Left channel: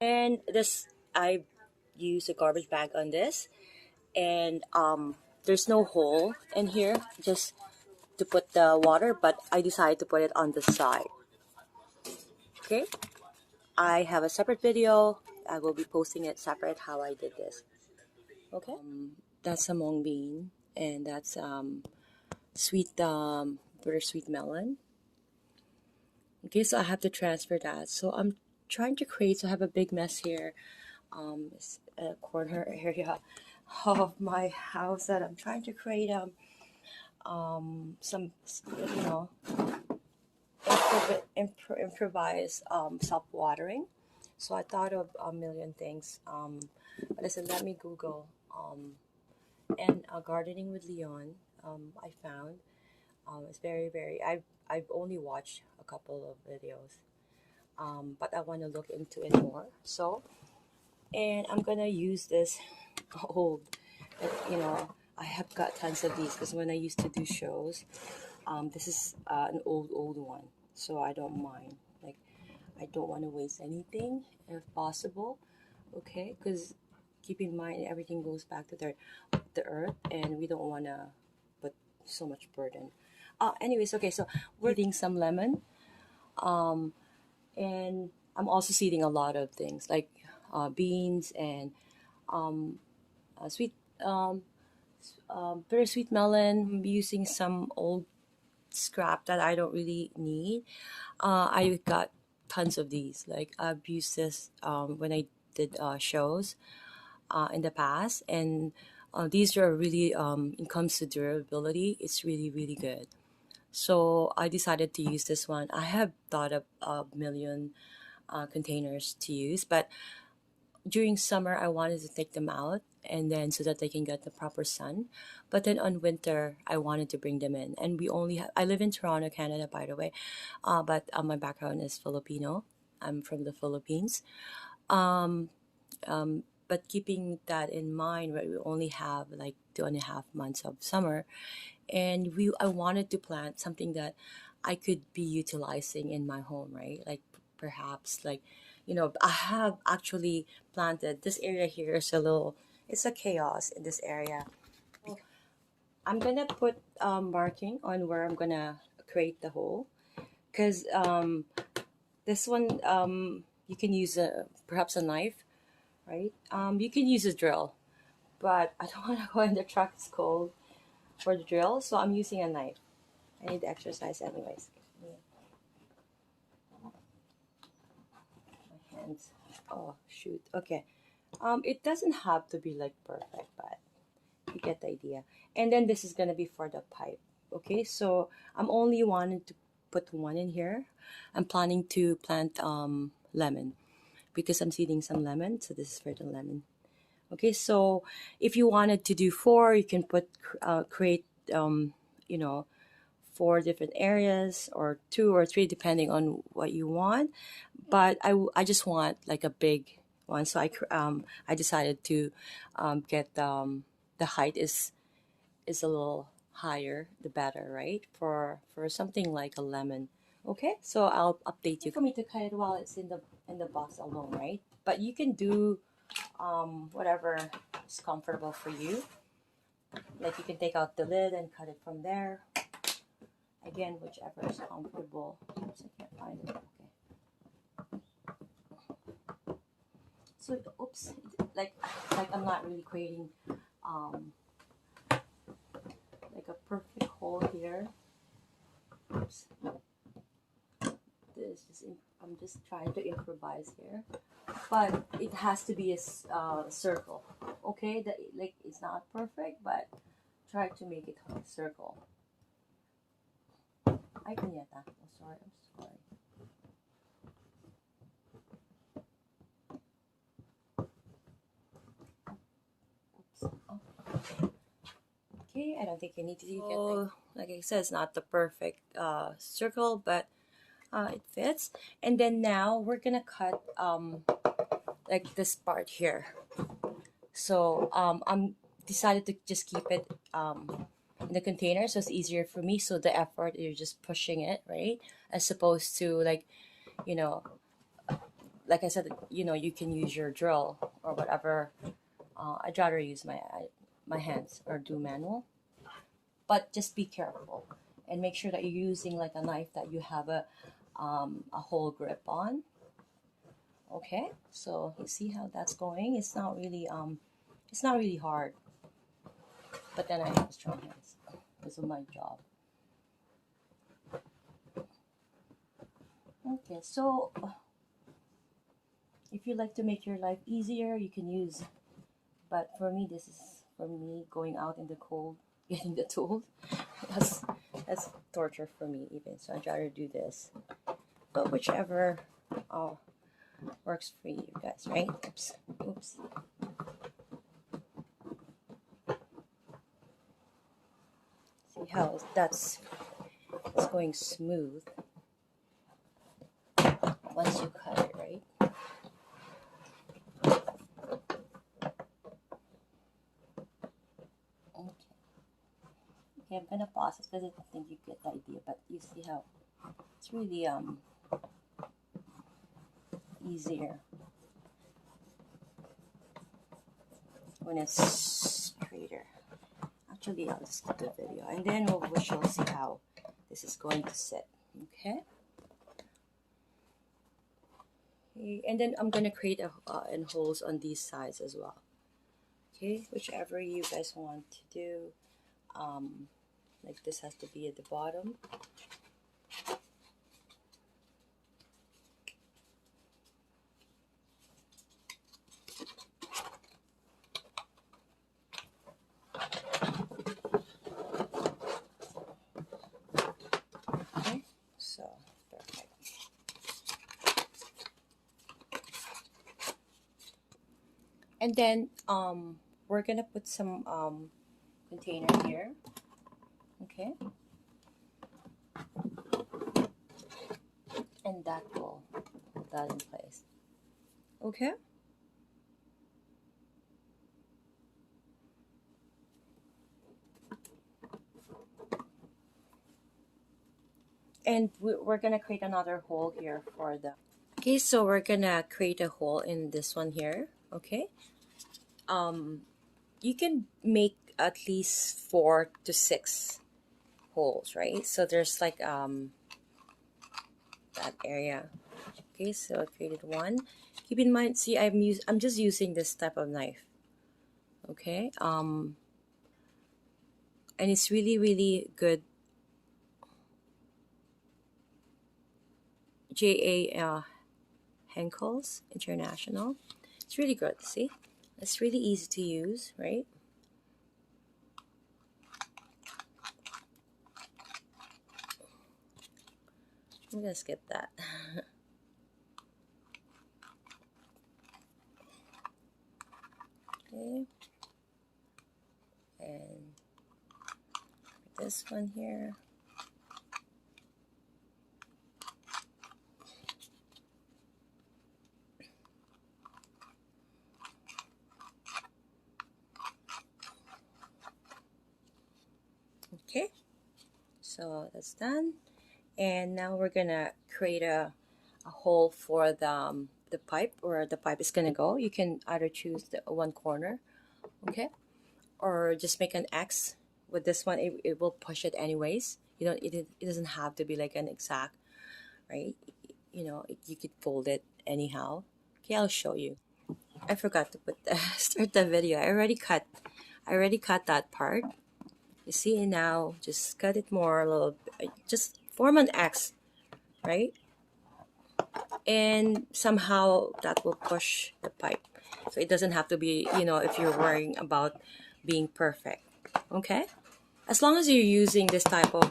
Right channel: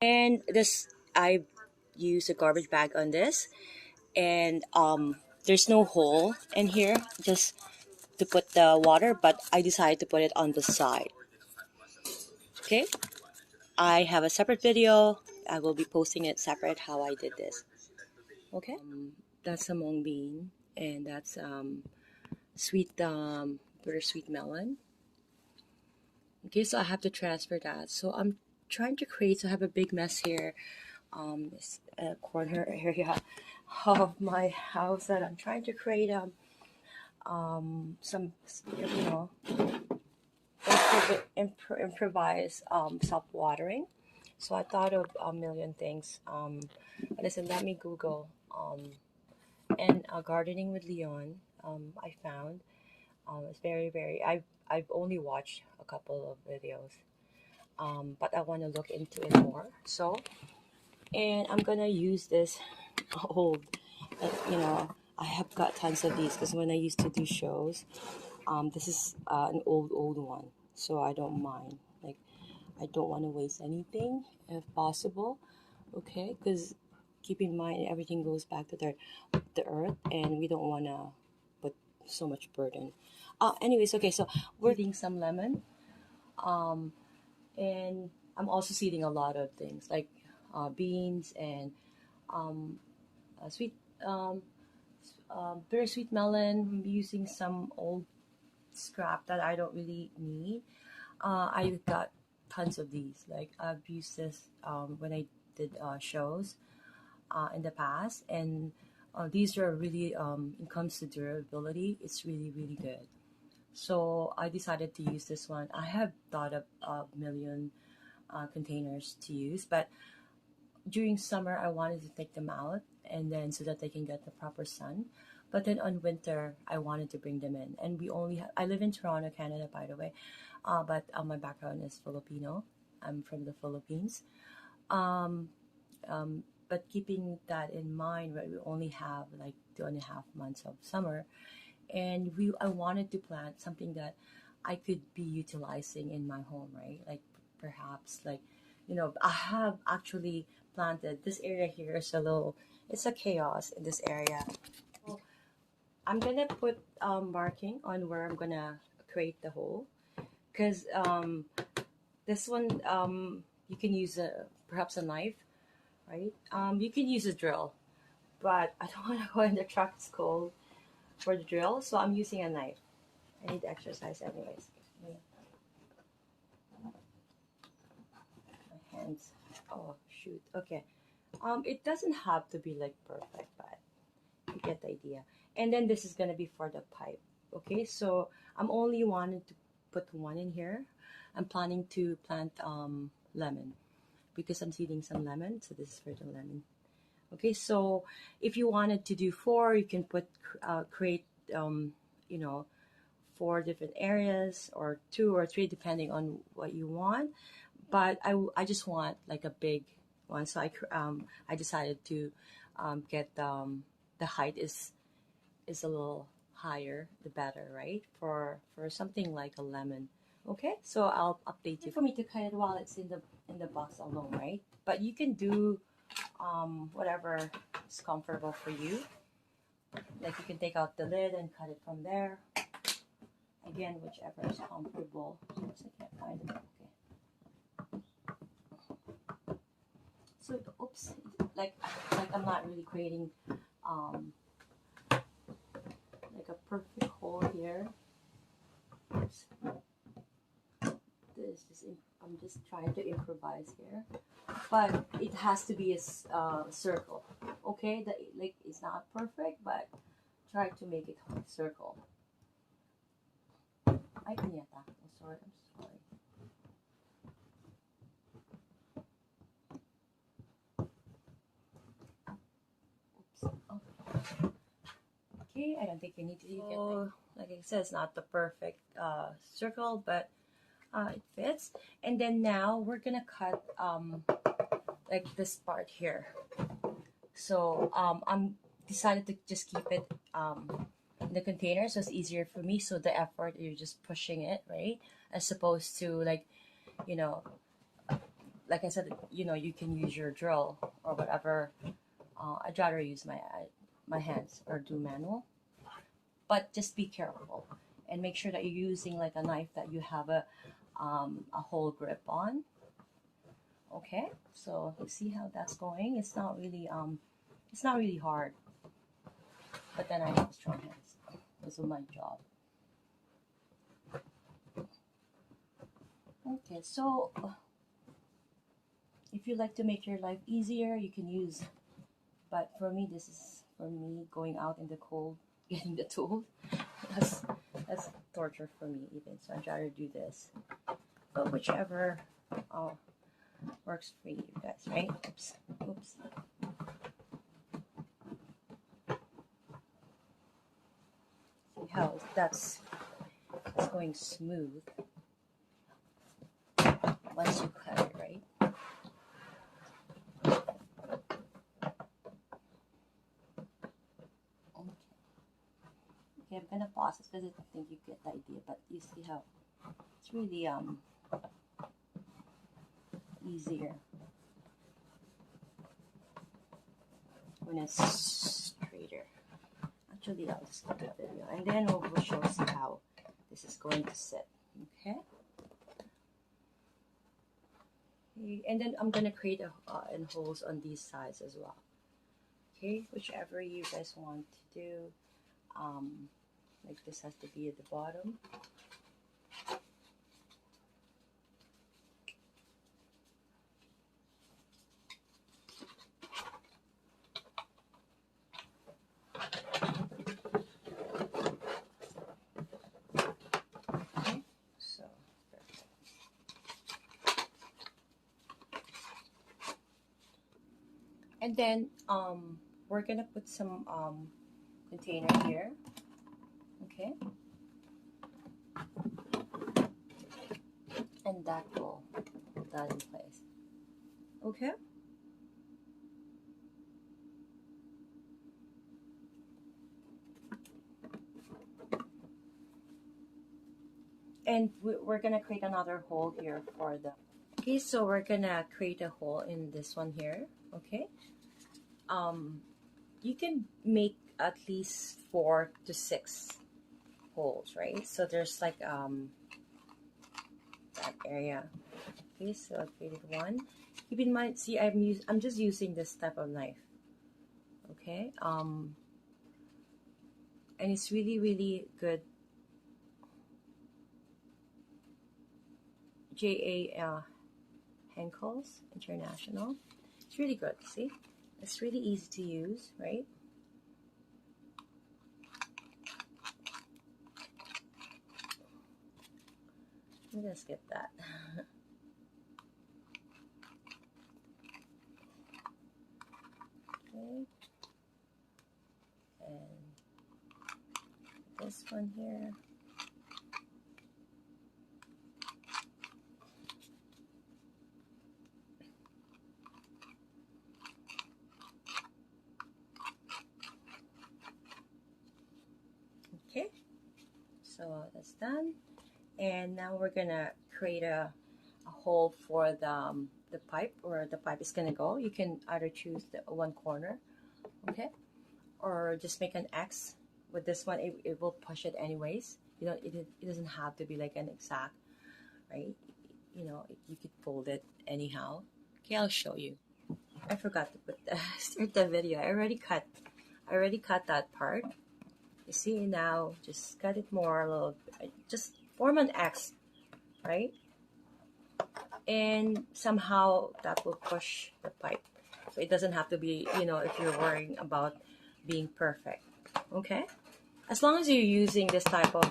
And this, I use a garbage bag on this, and there's no hole in here just to put the water, but I decided to put it on the side. Okay, I have a separate video. I will be posting it separate how I did this. Okay, that's a mung bean, and that's sweet bittersweet melon. Okay, so I have to transfer that. So I'm trying to create. So I have a big mess here. This corner area of my house that I'm trying to create some you know improvise self-watering. So I thought of a million things. But listen, let me Google and gardening with Leon. I found it's very. I've only watched a couple of videos, but I want to look into it more. So, and I'm gonna use this old, you know, I have got tons of these because when I used to do shows, this is an old one, so I don't mind. Like, I don't want to waste anything if possible, okay? Because keep in mind everything goes back to the earth, and we don't want to put so much burden. Anyways, okay, so we're eating some lemon, um, and I'm also seeding a lot of things like beans and um, sweet um, bittersweet melon. I'm using some old scrap that I don't really need. I got tons of these. Like I've used this when I did shows in the past, and these are really in comes to durability, it's really good. So I decided to use this one. I have thought of a million containers to use, but during summer I wanted to take them out and then so that they can get the proper sun. But then on winter I wanted to bring them in, and we only I live in Toronto, Canada, by the way, but my background is Filipino. I'm from the Philippines. um, but keeping that in mind, right, we only have like 2.5 months of summer, and we I wanted to plant something that I could be utilizing in my home, right? Like perhaps like, I have actually planted this area here is a little, it's a chaos in this area. I'm gonna put marking on where I'm gonna create the hole, because this one you can use a perhaps a knife, right? You can use a drill, but I don't want to go in the truck. It's cold for the drill, so I'm using a knife. I need exercise anyways. My hands. Oh shoot. Okay. It doesn't have to be like perfect, but you get the idea. And then this is gonna be for the pipe. Okay, so I'm only wanting to put one in here. I'm planning to plant lemon because I'm seeding some lemon. So this is for the lemon. Okay, so if you wanted to do four, you can create um, you know 4 different areas or 2 or 3 depending on what you want. But I just want like a big one, so I decided to get the height is a little higher the better, right, for something like a lemon. Okay, so I'll update you for me to cut it while it's in the box alone, right? But you can do whatever is comfortable for you. Like you can take out the lid and cut it from there. Again, whichever is comfortable. Oops, I can't find it. Okay. So, oops, like I'm not really creating um like a perfect hole here. Oops. I'm just trying to improvise here, but it has to be a circle. Okay, like it's not perfect, but try to make it a circle. I can get that. I'm sorry. Oops. Oh. Okay, I don't think you need to get that. Like I said, it's not the perfect circle, but it fits. And then now we're gonna cut like this part here. So I'm decided to just keep it in the container so it's easier for me. So the effort, you're just pushing it, right? As opposed to like, you know, like I said, you know, you can use your drill or whatever. I'd rather use my hands or do manual, but just be careful and make sure that you're using like a knife that you have a whole grip on. Okay, so you see how that's going. It's not really hard, but then I have strong hands. This is my job. Okay, so if you like to make your life easier, you can use, but for me, this is for me going out in the cold, getting the tool. That's torture for me even, so I'd rather do this. But whichever works for you guys, right? Oops. See how it's going smooth once you cut it, right? Okay, I'm gonna pause it because I think you get the idea, but you see how it's really easier when it's straighter. Actually, I'll just skip the video and then we'll see how this is going to sit. Okay. And then I'm gonna create and holes on these sides as well. Okay, whichever you guys want to do. Like this has to be at the bottom. Okay, so perfect. And then we're gonna put some container here. Okay, and that will put that in place. Okay, and we're gonna create another hole here for the. Okay, so we're gonna create a hole in this one here. Okay, you can make at least 4 to 6 holes, right? So there's like that area. Okay, so I created one. Keep in mind, see, I'm just using this type of knife. Okay, and it's really good. J.A. Henkel's International. It's really good. See, it's really easy to use, right? I'm gonna skip that. Okay, and this one here. Okay, so that's done, and now we're gonna create a hole for the pipe, where the pipe is gonna go. You can either choose the one corner, okay, or just make an X. With this one, it will push it anyways. You know, it doesn't have to be like an exact, right? You know, you could fold it anyhow. Okay, I'll show you. I forgot to put start the video. I already cut that part. You see, now just cut it more a little bit. Just form an X, right? And somehow that will push the pipe. So it doesn't have to be, you know, if you're worrying about being perfect. Okay? As long as you're using this type of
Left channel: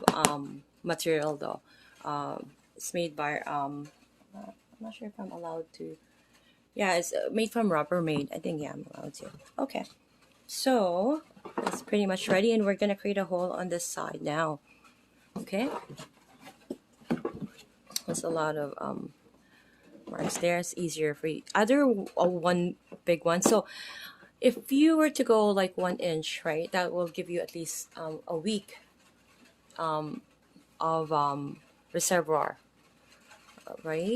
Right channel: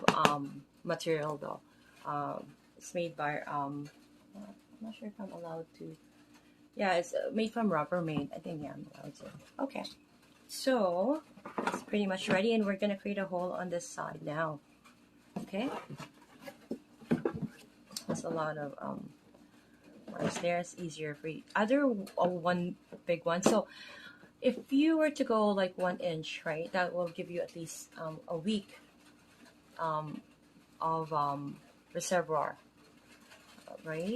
material though. It's made by, I'm not sure if I'm allowed to. Yeah, it's made from Rubbermaid. I think, yeah, I'm allowed to. Okay. So it's pretty much ready, and we're gonna create a hole on this side now. Okay, there's a lot of marks there. It's easier for you. Other one big one. So if you were to go like 1 inch, right, that will give you at least a week of reservoir, right?